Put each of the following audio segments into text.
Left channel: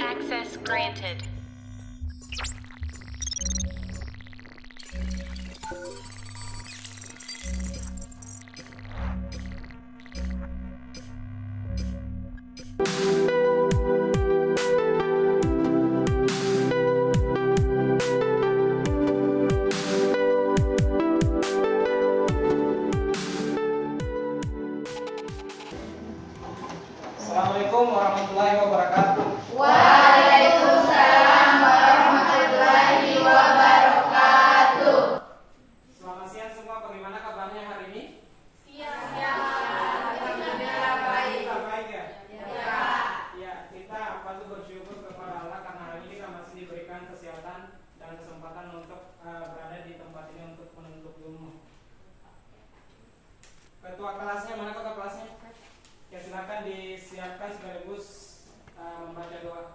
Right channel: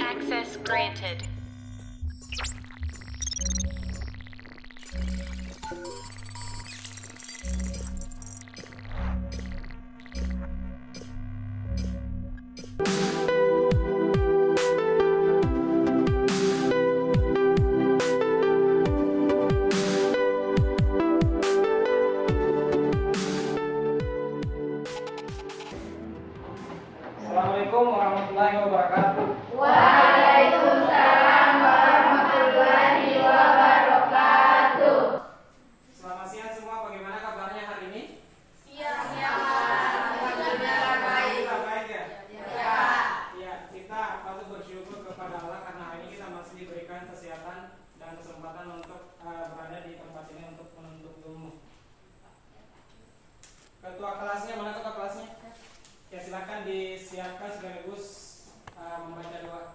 Access granted. Assalamualaikum warahmatullahi wabarakatuh. Waalaikumsalam warahmatullahi wabarakatuh. Selamat siang semua, bagaimana kabarnya hari ini? Siang, alhamdulillah baik. Kita baik ya? Ya. Ya, kita patut bersyukur kepada Allah karena hari ini kita masih diberikan kesehatan dan kesempatan untuk berada di tempat ini untuk menuntut ilmu. Ketua kelasnya, mana ketua kelasnya? Ya, silakan disiapkan sekaligus membaca doa.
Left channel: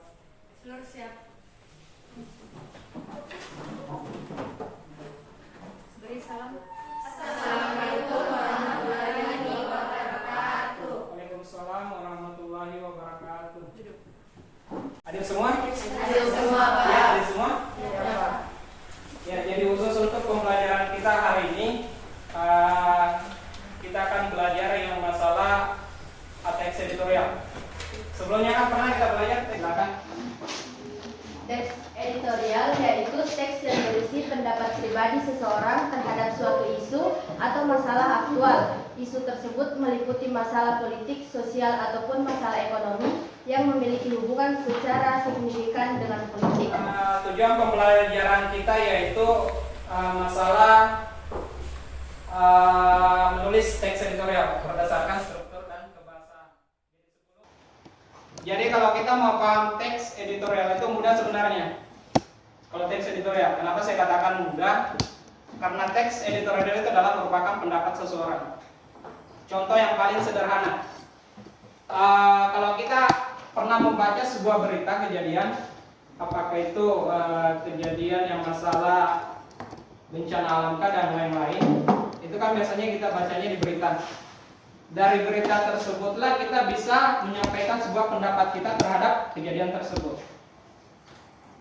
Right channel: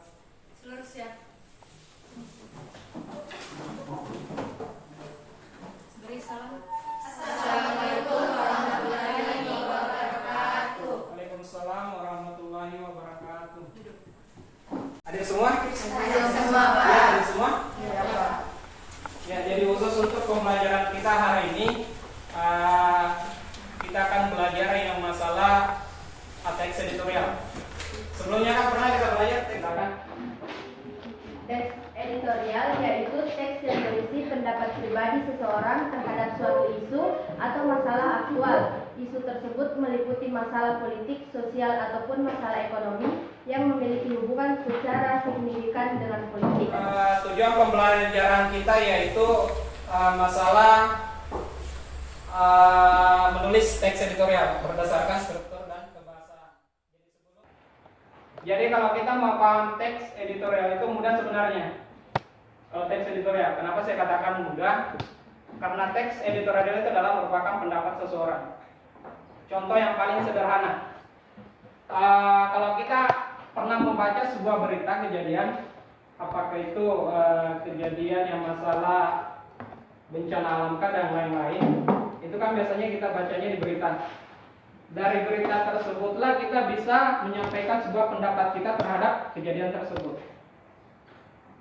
Seluruh siap. Beri salam. Assalamualaikum warahmatullahi wabarakatuh. Waalaikumsalam warahmatullahi wabarakatuh. Hadir semua? Hadir semua, Pak. Ya, hadir semua? Ya, Pak. Ya, jadi khusus untuk pembelajaran kita hari ini kita akan belajar yang masalah teks editorial. Sebelumnya kan pernah kita belajar tentang Teks editorial yaitu teks yang berisi pendapat pribadi seseorang terhadap suatu isu atau masalah aktual. Isu tersebut meliputi masalah politik, sosial, ataupun masalah ekonomi yang memiliki hubungan secara signifikan dengan politik. Tujuan pembelajaran kita yaitu masalah menulis teks editorial berdasarkan struktur dan kebahasaan. Jadi kalau kita mau paham teks editorial itu mudah sebenarnya. Kalau teks editorial, kenapa saya katakan mudah? Karena teks editorial itu adalah merupakan pendapat seseorang. Contoh yang paling sederhana, kalau kita pernah membaca sebuah berita kejadian, apakah itu kejadian yang masalah bencana alamkah dan lain-lain, itu kan biasanya kita bacanya di berita. Dari berita tersebutlah kita bisa menyampaikan sebuah pendapat kita terhadap kejadian tersebut.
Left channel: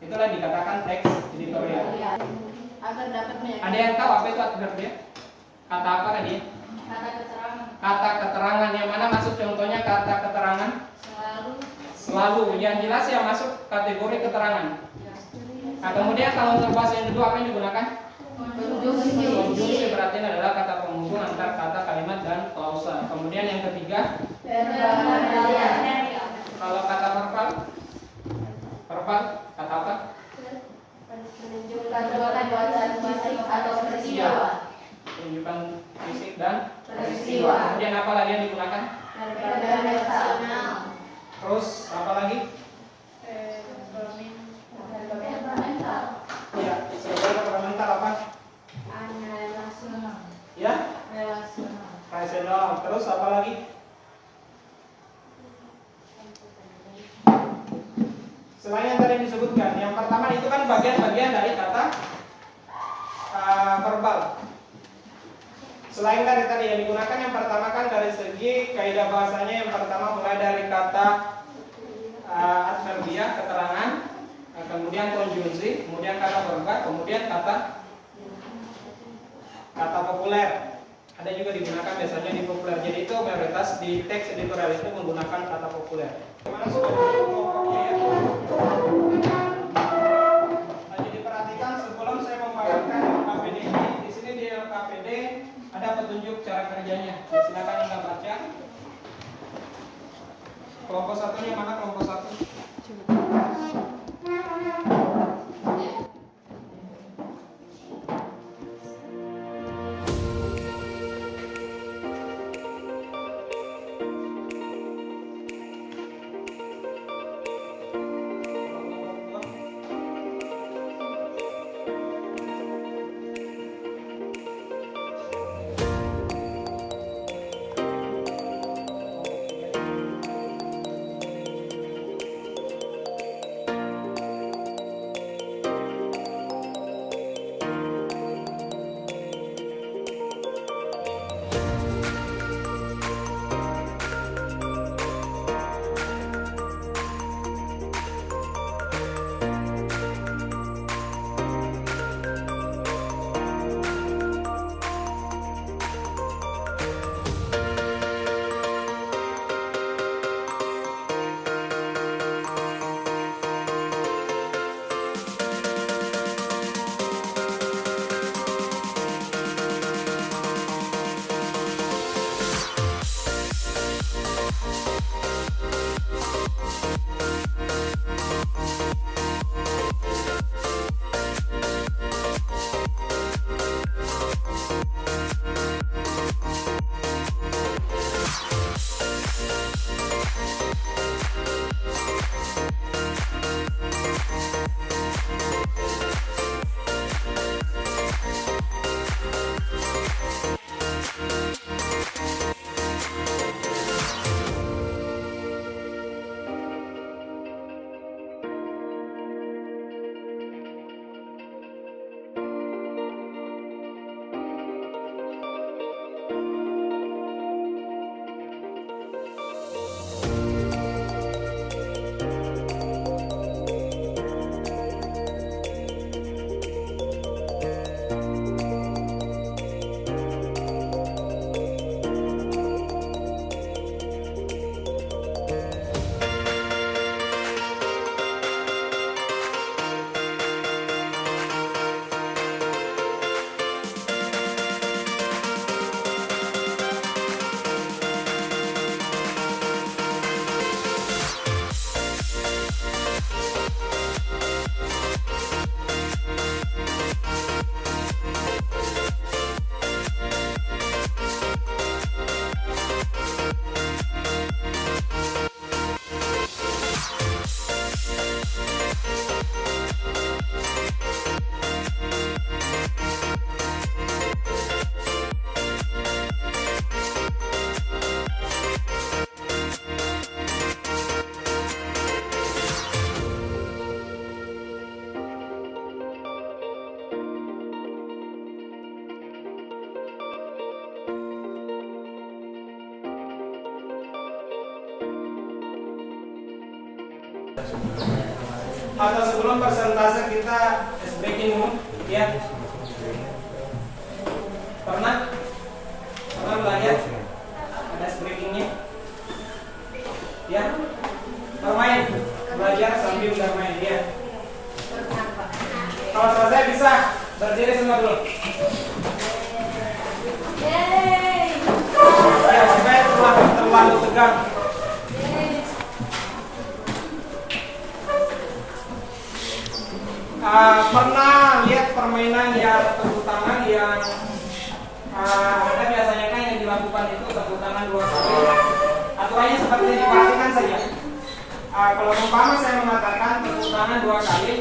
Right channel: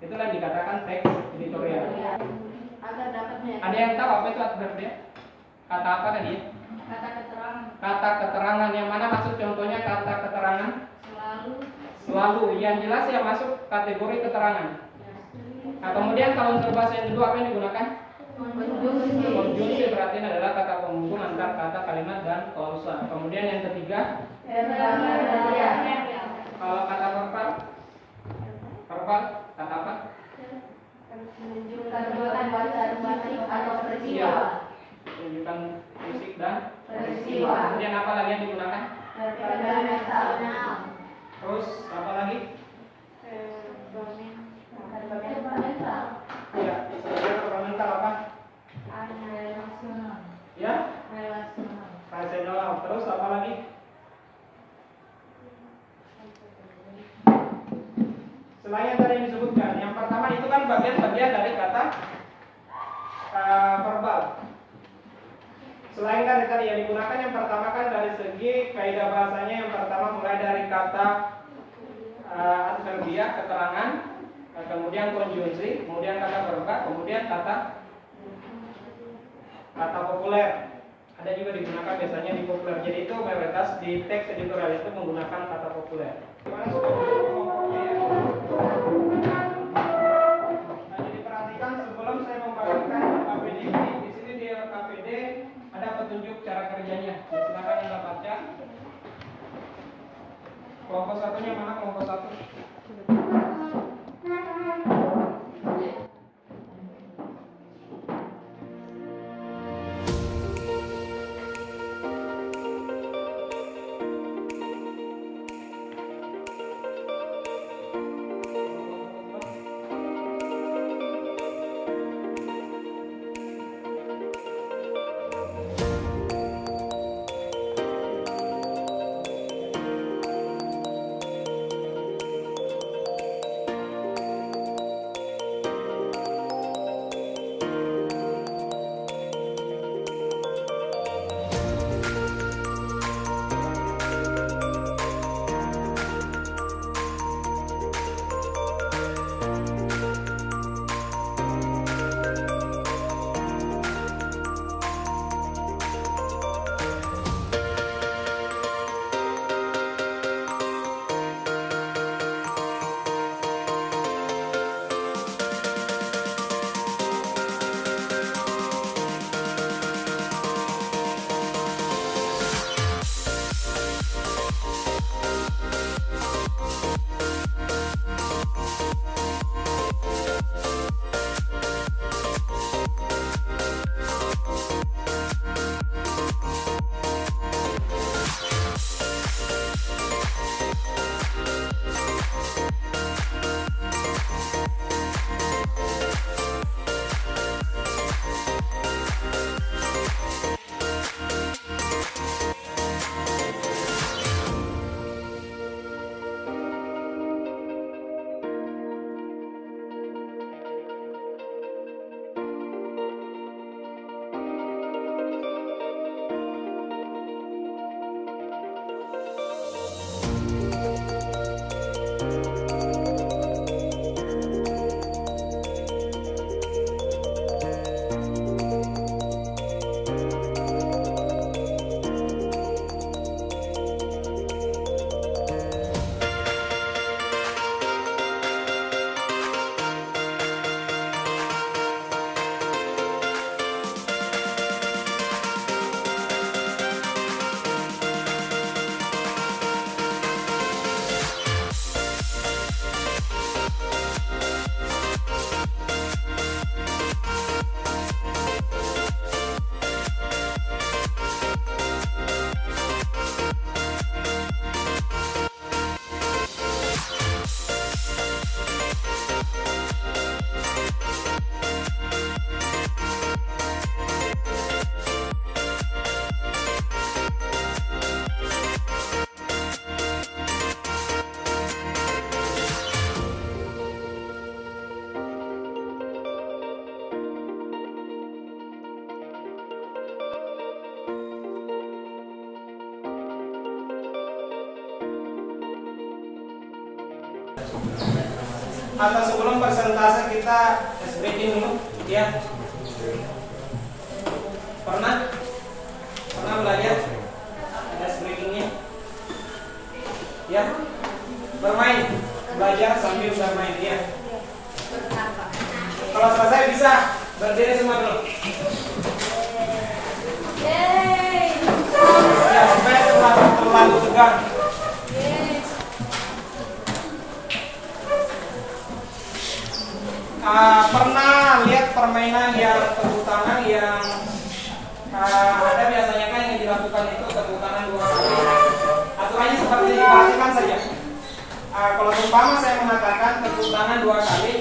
Itulah yang dikatakan teks editorial. Agar dapat Ada yang tahu apa itu artinya? Kata apa tadi? kata keterangan Kata keterangan. Yang mana masuk contohnya kata keterangan? Selalu. Yang jelas yang masuk kategori keterangan. Nah, kemudian kalau untuk bahasa yang kedua apa yang digunakan? Konjungsi berarti adalah kata penghubung antar kata, kalimat, dan klausa. Kemudian yang ketiga, kalau kata verbal kata apa? menunjukkan perbuatan fisik atau peristiwa. Iya. Tunjukkan fisik dan peristiwa. Kemudian apa lagi yang digunakan? Terus apa lagi? Ya, sebenarnya fundamental apa? Ya? Rasional. Terus apa lagi? Selain yang tadi disebutkan, yang pertama itu kan bagian-bagian dari kata verbal. Selain dari tadi yang digunakan, yang pertama kan dari segi kaidah bahasanya, yang pertama mulai dari kata adverbial, keterangan, kemudian konjungsi, kemudian kata verbal, kemudian kata populer. Ada juga digunakan biasanya di populer. Jadi itu mayoritas di teks editorial itu menggunakan kata populer. Gimana sudah kelompoknya ya? Nah, jadi perhatikan sebelum saya membagikan KPD ini, di sini di KPD ada petunjuk cara kerjanya. Ya, silakan Anda baca. Kelompok satunya mana kelompok satu? atau sebelum persentase kita ice breaking dulu, ya. Pernah belajar ada ice breakingnya? Ya, bermain, belajar sambil bermain, ya. Kalau selesai bisa berdiri semua dulu. Ya, supaya terlalu tegang. Pernah lihat permainan yang tepuk tangan yang ada biasanya kan yang dilakukan itu tepuk tangan 2 kali. Aturannya seperti yang diperhatikan saja. Kalau umpama saya mengatakan tepuk tangan 2 kali,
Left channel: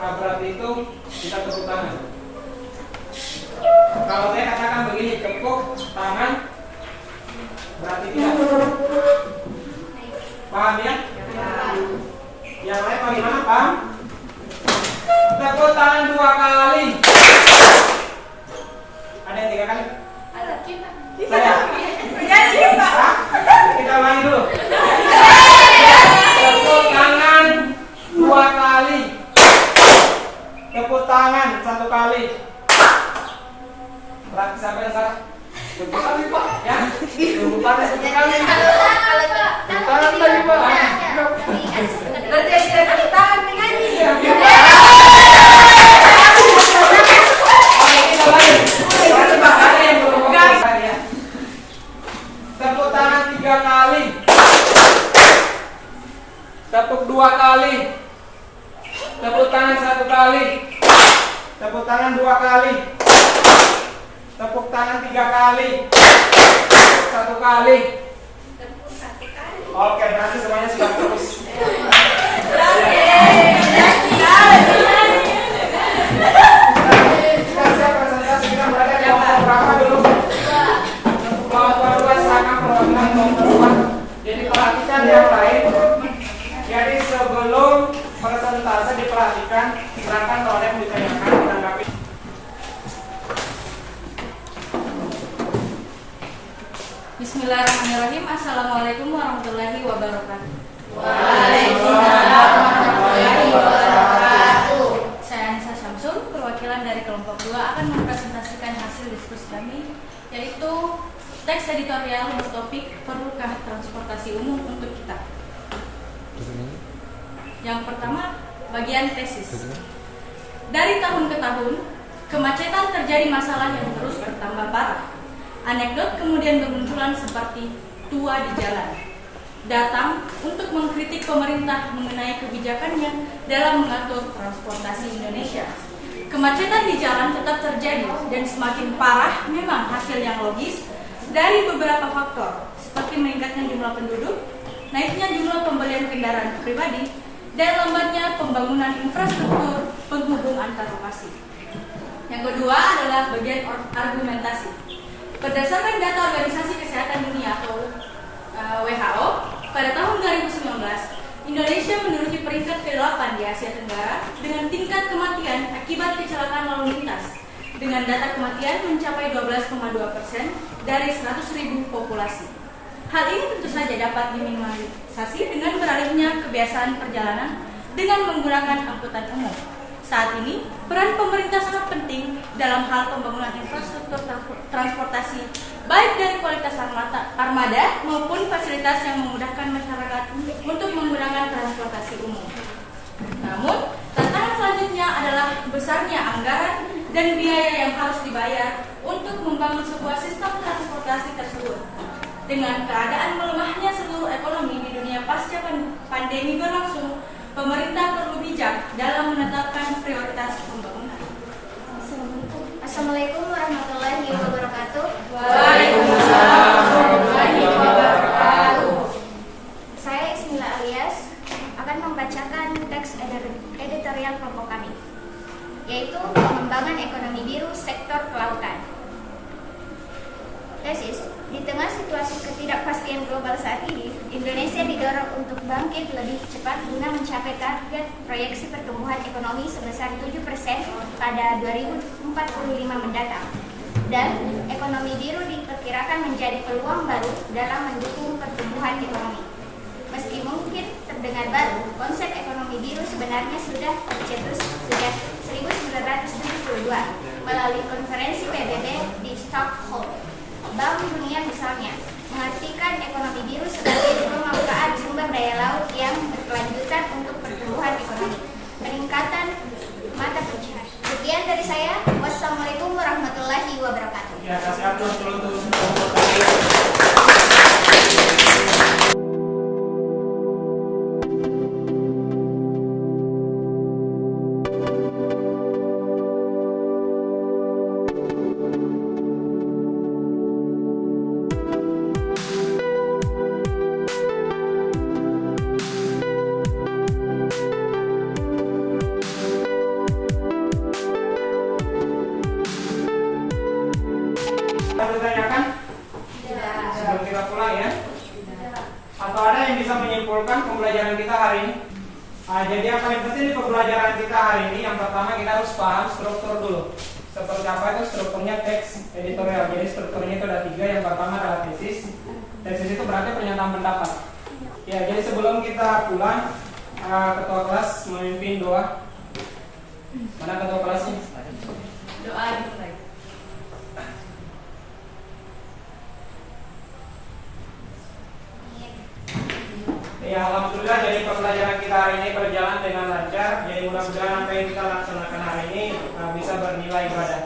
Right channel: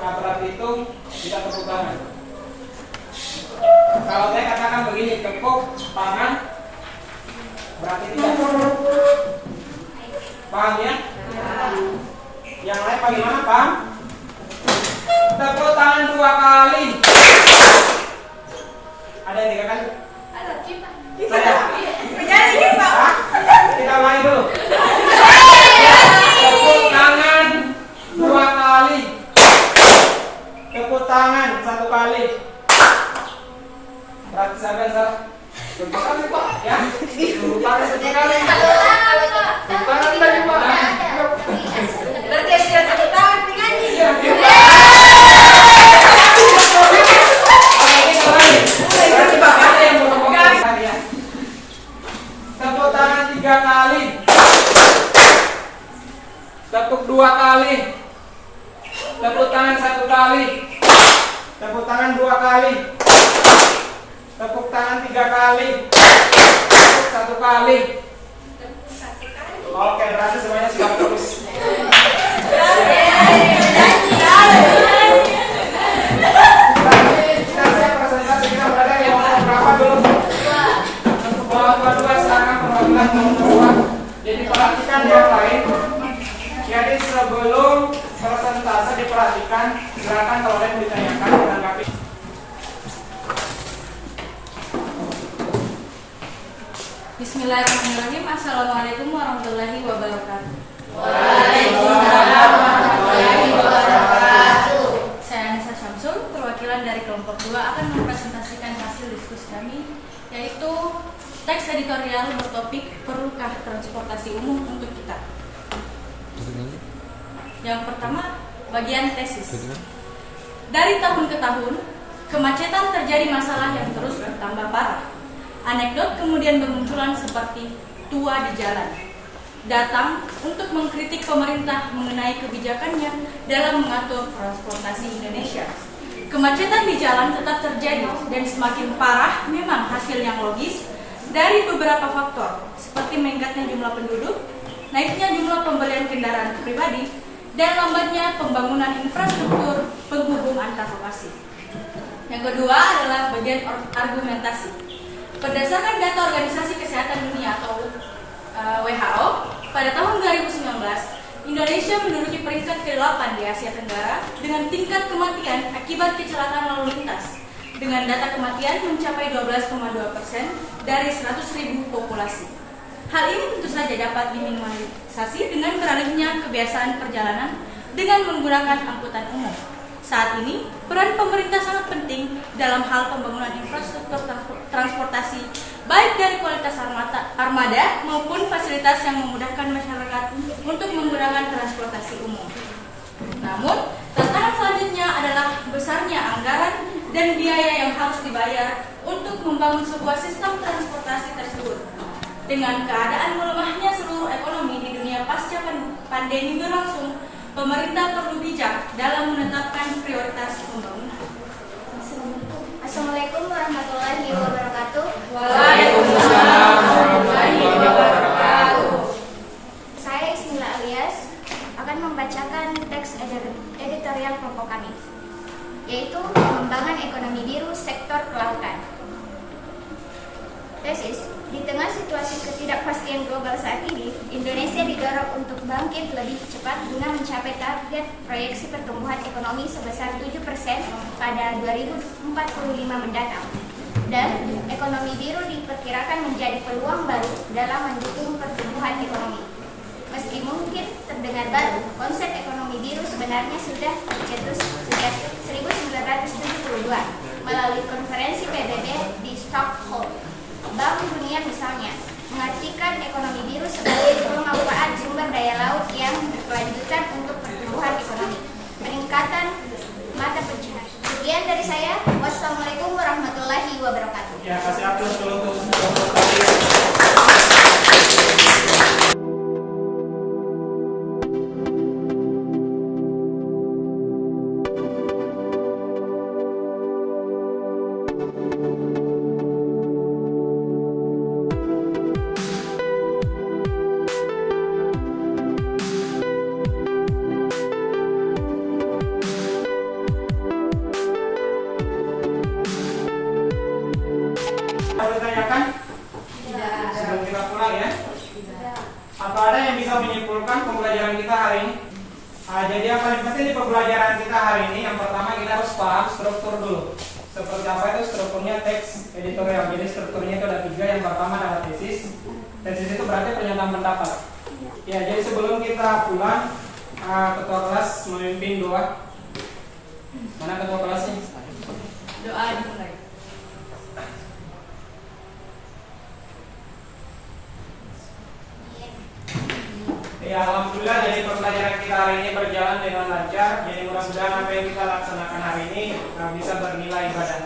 berarti itu kita tepuk tangan. Kalau saya katakan begini, tepuk tangan, berarti tidak. Paham ya? Yang lain bagaimana, paham? Tepuk tangan 2 kali. Ada yang 3 kali? Ada kita. Kita ulangi dulu. Tepuk tangan 2 kali. Tepuk tangan 1 kali. Berarti sampai yang berapa kali, Pak? Ya? Tepuk tangan 1 kali. Tepuk tangan lagi, Pak. Berarti yang tepuk tangan menyanyi. Tepuk tangan 3 kali. Tepuk 2 kali. Tepuk tangan 1 kali. Tepuk tangan 2 kali. Tepuk tangan 3 kali. Tepuk 1 kali. Oke, berarti semuanya sudah bagus. Kita siap presentasi, kita berada di kelompok berapa dulu? Untuk kelompok 2 silakan perwakilan kelompok 2. Jadi perhatikan yang lain. Jadi sebelum presentasi diperhatikan, silakan kalau ada yang ditanyakan ditanggapi. Bismillahirrahmanirrahim. Assalamualaikum warahmatullahi wabarakatuh. Waalaikumsalam warahmatullahi wabarakatuh. Saya Anissa Syamsul, perwakilan dari kelompok 2 akan mempresentasikan hasil diskusi kami, yaitu teks editorial bertopik perlukah transportasi umum untuk kita. Yang pertama, bagian tesis. Dari tahun ke tahun, kemacetan terjadi masalah yang terus bertambah parah. Anekdot kemudian bermunculan seperti tua di jalan, datang untuk mengkritik pemerintah mengenai kebijakannya dalam mengatur transportasi Indonesia. Kemacetan di jalan tetap terjadi dan semakin parah memang hasil yang logis dari beberapa faktor, seperti meningkatnya jumlah penduduk, naiknya jumlah pembelian kendaraan pribadi, dan lambatnya pembangunan infrastruktur penghubung antar lokasi. Yang kedua adalah bagian argumentasi. Berdasarkan data Organisasi Kesehatan Dunia atau WHO, pada tahun 2019, Indonesia menduduki peringkat ke-8 di Asia Tenggara dengan tingkat kematian akibat kecelakaan lalu lintas, dengan data kematian mencapai 12,2% dari 100.000 populasi. Hal ini tentu saja dapat diminimalisasi dengan beralihnya kebiasaan perjalanan dengan menggunakan angkutan umum. Saat ini, peran pemerintah sangat penting dalam hal pembangunan infrastruktur transportasi, baik dari kualitas armada maupun fasilitas yang memudahkan masyarakat untuk menggunakan transportasi umum. Namun, tantangan selanjutnya adalah besarnya anggaran dan biaya yang harus dibayar untuk membangun sebuah sistem transportasi tersebut. Dengan keadaan melemahnya seluruh ekonomi di dunia pasca pandemi berlangsung, pemerintah perlu bijak dalam menetapkan prioritas pembangunan. Assalamualaikum warahmatullahi wabarakatuh. Waalaikumsalam warahmatullahi wabarakatuh. Saya Ismila Alias akan membacakan teks editorial kelompok kami, yaitu pengembangan ekonomi biru sektor kelautan. Tesis, di tengah situasi ketidakpastian global saat ini, Indonesia didorong untuk bangkit lebih cepat guna mencapai target proyeksi pertumbuhan ekonomi sebesar 7% pada 2045 mendatang. Dan ekonomi biru diperkirakan menjadi peluang baru dalam mendukung pertumbuhan ekonomi. Meski mungkin terdengar baru, konsep ekonomi biru sebenarnya sudah tercetus sejak 1972 melalui konferensi PBB di Stockholm. Bank Dunia misalnya mengartikan ekonomi biru sebagai pemanfaat sumber daya laut yang berkelanjutan untuk pertumbuhan ekonomi, peningkatan mata pencaharian. Sekian dari saya. Wassalamualaikum warahmatullahi wabarakatuh. Ya, kasih aplaus dulu untuk kalian. Ada ditanyakan? Sebelum kita pulang ya. Apa ada yang bisa menyimpulkan pembelajaran kita hari ini? Jadi yang paling penting di pembelajaran kita hari ini, yang pertama kita harus paham struktur dulu. Seperti apa itu strukturnya teks editorial. Jadi strukturnya itu ada 3. Yang pertama adalah tesis. Tesis itu berarti pernyataan pendapat. Ya, jadi sebelum kita pulang, ketua kelas memimpin doa. Mana ketua kelasnya? Doa dimulai. Ya, alhamdulillah jadi pembelajaran kita hari ini berjalan dengan lancar. Jadi mudah-mudahan apa yang kita laksanakan hari ini bisa bernilai ibadah.